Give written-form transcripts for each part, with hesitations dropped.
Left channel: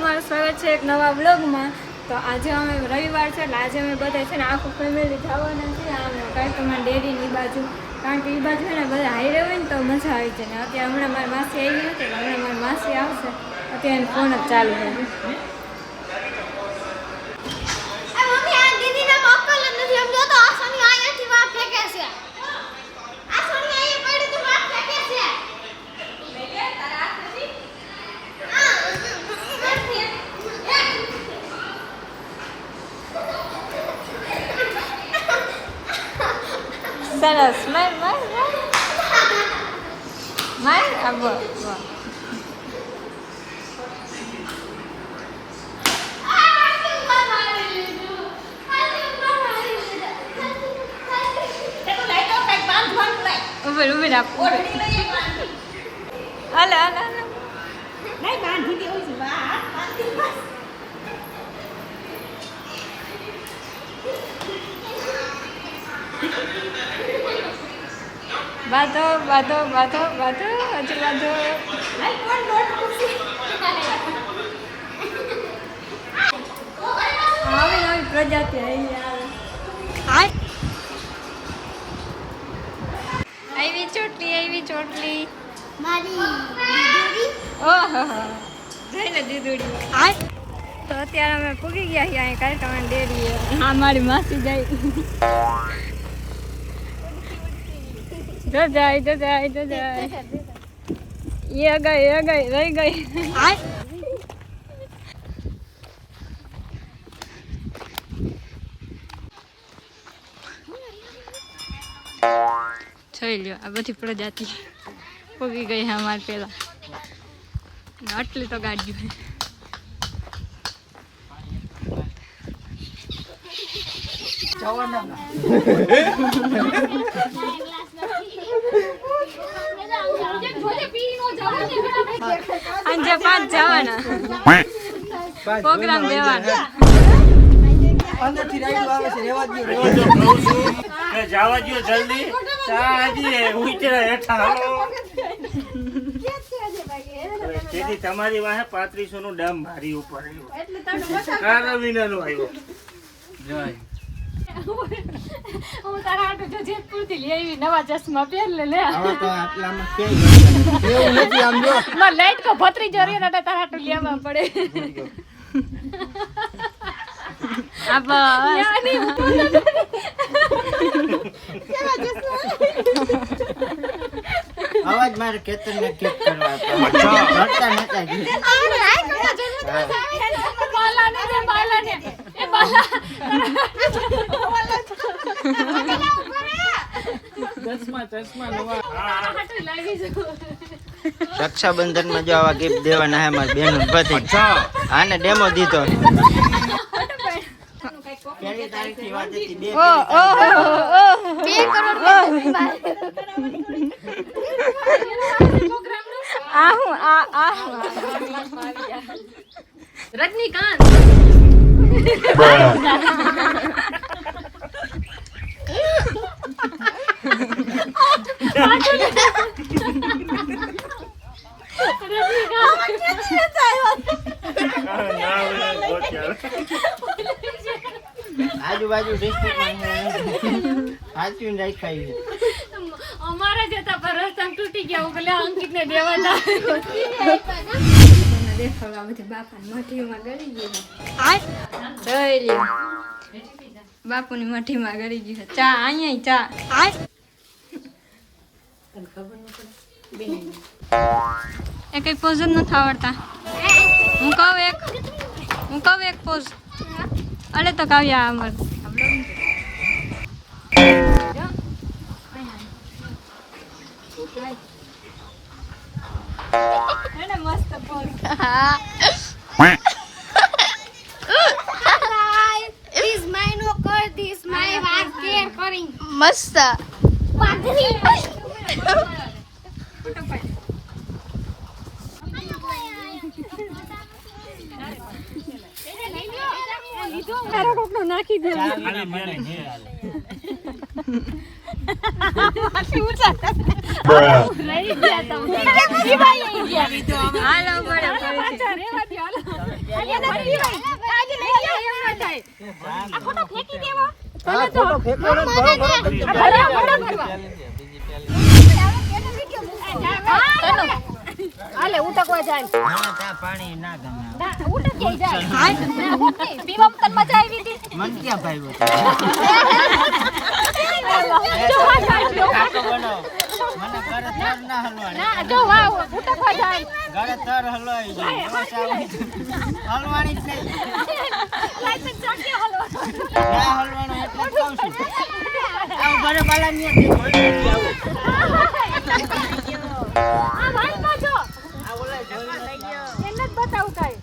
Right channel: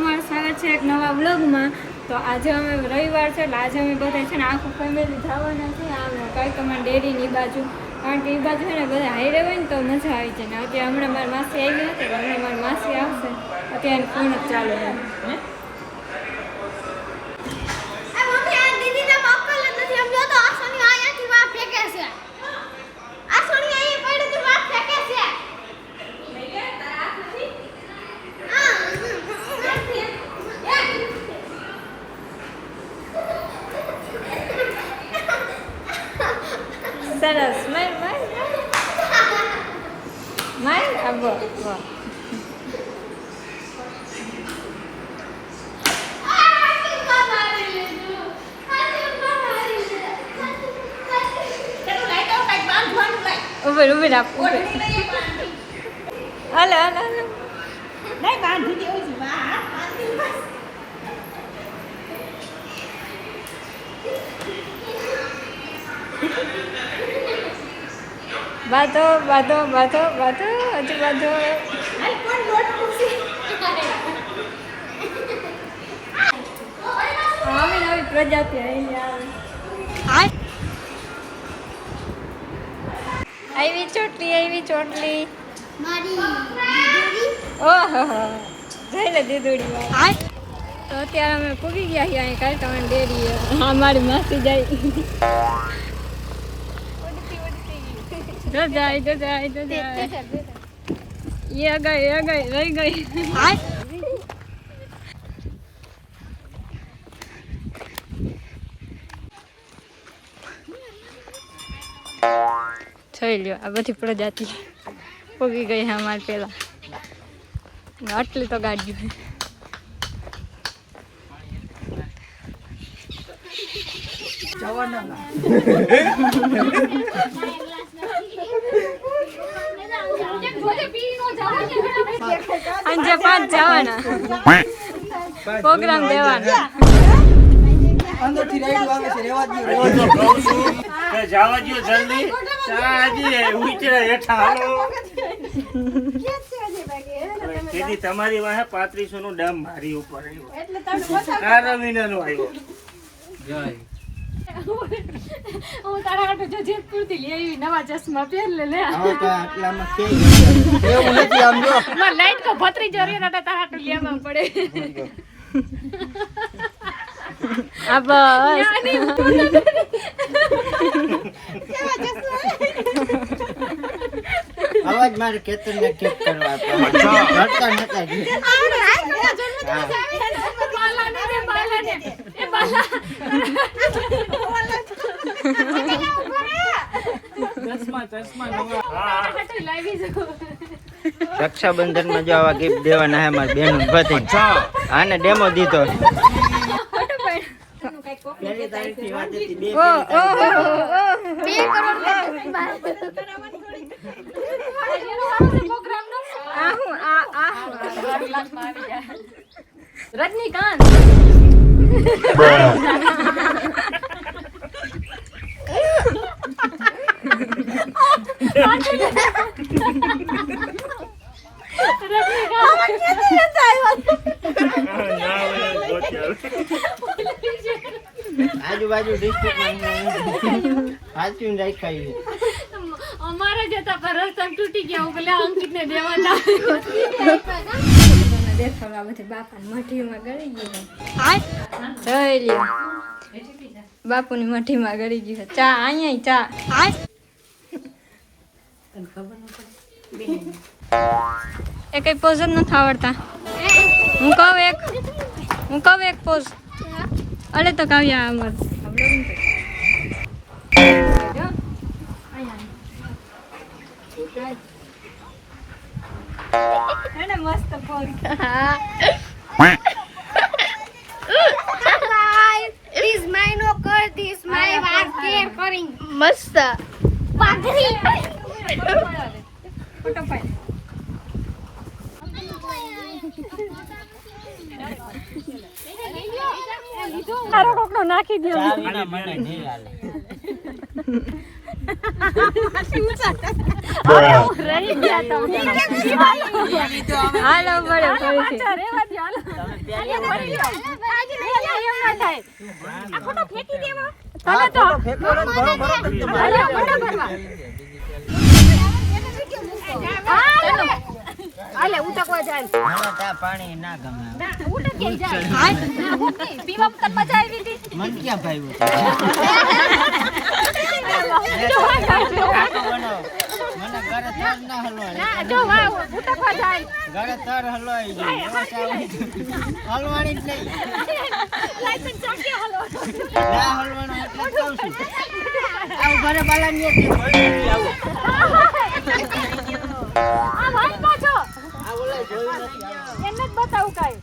તમારું સ્વાગત છે એક નવા બ્લોગમાં। તો આજે અમે રવિવાર છે એટલે આજે અમે બધા છે ને આખું ફેમિલી જવાના છે આમ કાંઈકમાં ડેરીની બાજુ, કારણ કે એ બાજુ છે ને બધા હાઈરે હોય ને તો મજા આવી જાય ને। અત્યારે હમણાં મારી માસી આવી નથી એટલે હમણાં મારી માસી આવશે, અત્યારે ફોન જ ચાલુ છે। સરસ, માર માર માર આ વાહ વાહ ઉભર ઉભર આપ ઉભર હાલો હાલો હાલો નહીં બાંધી દેવું છે બા બાધો બાધો બાધો બાધો હજી બાધો હાલ કોણ લોટ પૂછી આવે નવી પ્રજાતિ આવી આવે આવી ચોટલી મારી દીદી ઓહો જઈને દીદુડી તો અત્યારે અમે પૂગી ગયા છીએ અહીં કાંઈ ડેરી। હા મારી માસી જાય જાય એ ગઈ રહી ગઈ જોઈ લ્યો આ બધી પ્રજાતિ પૂગી ગઈ છે અમારે પેલા આટલી તો ગાડીઓ છે। સાંજે 5 જવાના પ્રોગ્રામ દેવાના અંદરથી રાઈડ આવે છે રેવા દો કે જાવા દો જલ્દી સાજી ઉતરે હેઠા હાલો કેદી તમારી વાહે 3500 નું ડમ મારી ઉપર આવ્યો એટલે તારું રવિનાનો આવ્યો જય હું તારા આટો જો જેતપુર થી લઈ આવી નવા ચશ્મા પહેર લે હવે તો આટલામાં કે એવું નથી આમ જો માં લાઈટ કો ભત્રી જરી ને તારા આટો લેવા પડે આ બસ અવાજ મારે કેતનને કેક કરવા પડે રડતા નતા જી બાલાને દે બાલાને એ બાલા ચશ્મા નવા હાટલી લાવી જો રક્ષાબંધન માં જો આવા ગિફ્ટ દેવાના હે મારી બેન બધી આને ડેમો દીધો પહેલી તારીખ ની વાત હતી ઓ ઓ રજનીકાંત આજુબાજુ ડિસ્ટ્રિક્ટમાં સાચવીને રાખાય છે અમારા જતા પર રસ્તા તૂટી ગયા હું પેલા અંકિત ને દેવાના દેખાવા બધી બાપાની મઠીમાં ગળી ગઈ જોઈ લ્યો બાપુની મઠીમાં ગળી ગઈ ચા અહીંયા ચા એ કઈ પોઝ જ નથી આવડતા હું કહું એક પોઝ અરે તો કાવ્યા અમાર મસ્ત pose This my no kar this my was care caring મસ્ત ફોટો પાડ તારો ટોકનો નાખી દો ચાવીના મને નહીં હાલે રહી ગયા તમે હાલો મળે પાછા રેવા દો હાલો હાલે ઉટકવા જાય મને ત્યાં પાણી ના ગમે ઉટકી જાય હાય પીવા તન મજા આવી ગઈ મન ક્યાં ભાઈ મને ઘરે તર ના હલવાણી જો વાહ ઉટકવા જાય ઘરે તર હલવાઈ જાય એવો સાવ હલવાણી જ નહીં લાઈસન્સ ચાકે હલો ના હલવાનો એટલે જ કહું છું આ ઘરે બાલાની આ વાત પાછો આ ઓલા જોઈ નથી એને જ બતાવું કાઈ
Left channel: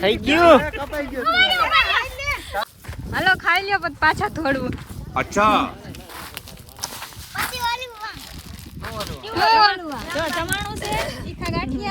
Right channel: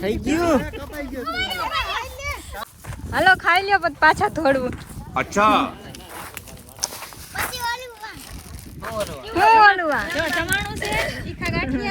થઈ ગયું હાલો ખાઈ લ્યો પછી પાછા ધોડવું. अच्छा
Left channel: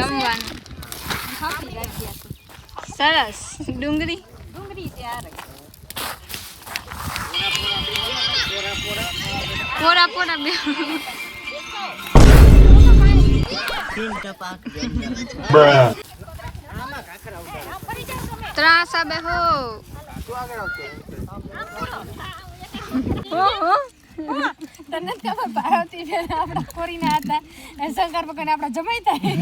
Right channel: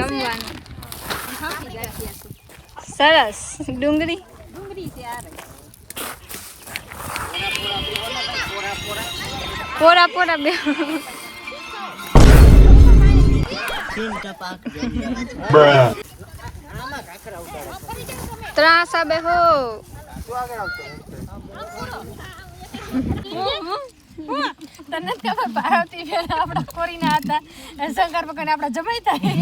રમવાનું સરસ. ડુંગળી પોરા પોરા બે તીન ટપાક ત્રાસ બે હો તને જ ખબર પાર્વતી બેન આપણા કોરીના હતા શંકર ભગવાન આપણા જમાઈ થાય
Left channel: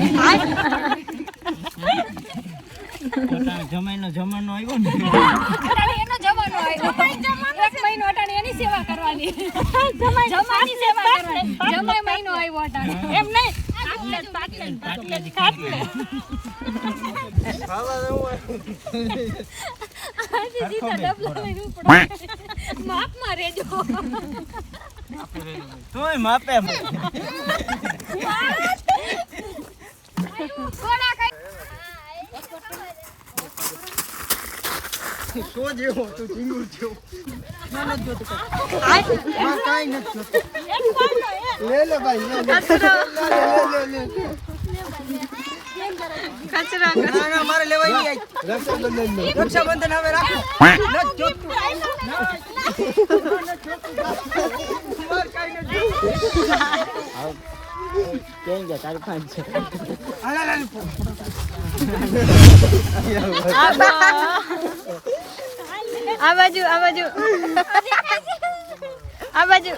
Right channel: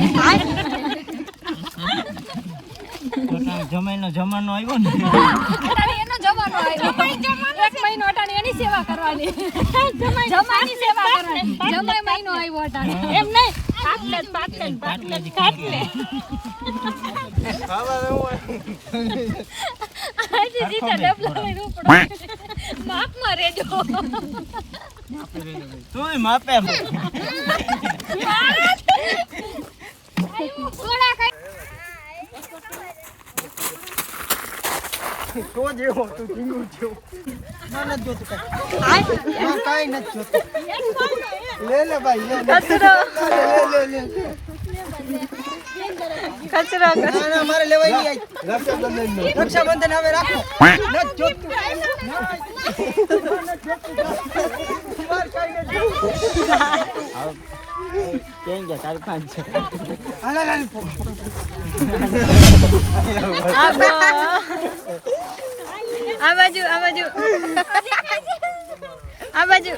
જમાઈનો જમાનો આવ્યો ને અટાણી એનો જવાનો આવ્યો એક મહિનો અટાણી એની સેવા કરવાની જમાઈની સેવા કરવાની જમાઈ મહિનો આવ્યો અટાણી એમ નહીં પાટલે આજે જીતા ડબલા લઈને ઉપડો માપમાં રેજો તોય માપે સોના કઈ સો જેવો તું ચીંગુર જેવો ના નથી જોતું કાઈ નથી જોતું લે લે ભાઈ કચરો લે કચરો ના ના મારે લેવાય નહીં રક્ષાબંધન હવે રાખો નથી જોતું માર કાઈ નથી કેમ કે સરપંચ છે હાલા લાલ આ બાજુ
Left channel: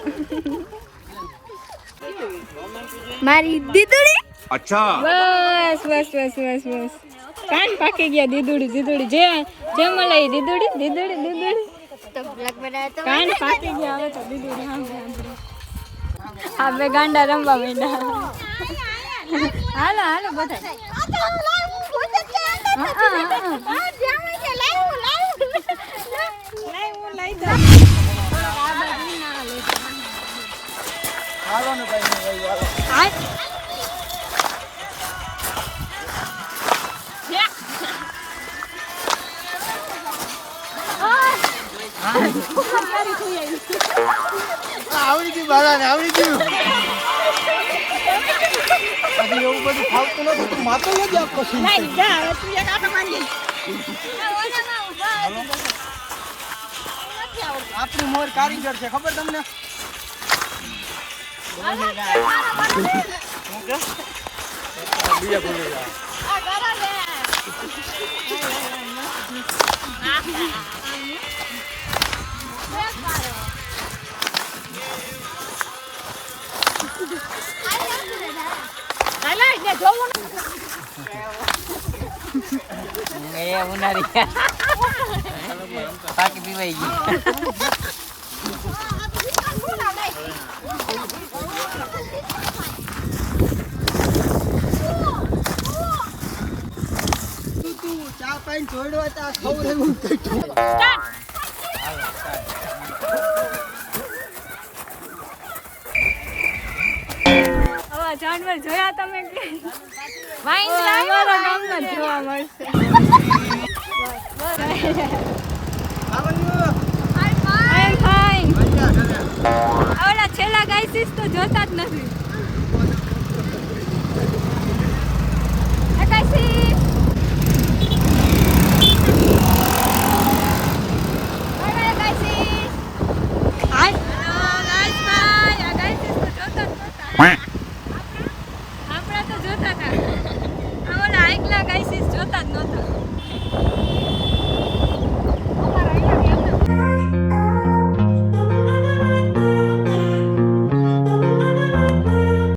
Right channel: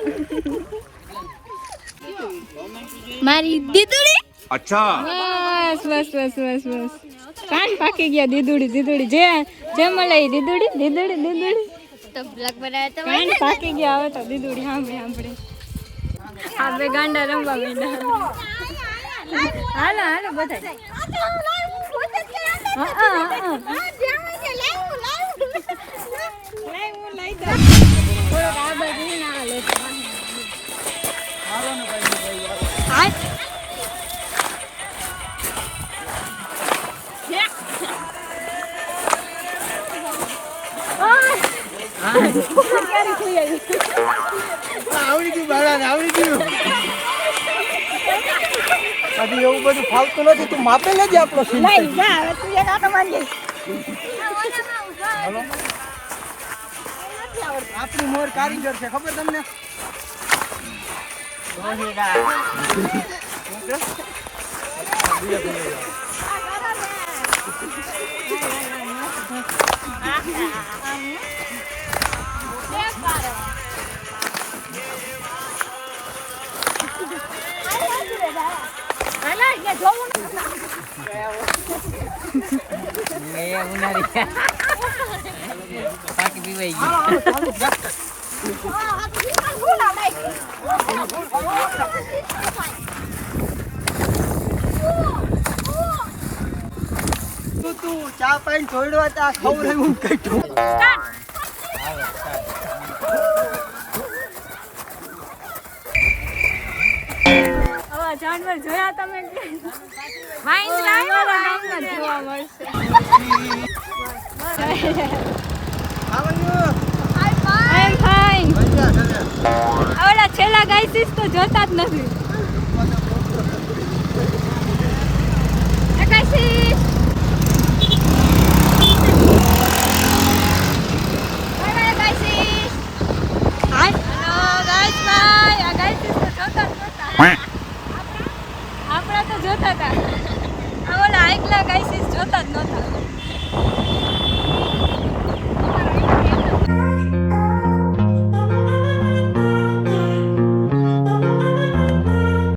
મારી દીદુડી. अच्छा બસ કાન પાકી ગયા. દીદુડી જે મળે એ દીદુડી કાન પાકી ગયા. હવે તો દીદુડી સાંભળે આ બે ગાંડા રમવા માંડ્યા. હાલો બધા આવડી ગયું બાળાને આવડી ગયું પછી એવું બધું ફાવતું નથી તું માપે નથી આપણો સીન હલો આપણી મોર કારીગર છે ખબર તમને પાકી પીવાઈ ગઈ તું ચા પાઈને છોડવા તા ખબર હું કઈ જાનવર જોયા તમે વાઈન છેલ્લા ગાઈસીસ તો ગાઈસીસ જોતા જ નહોતા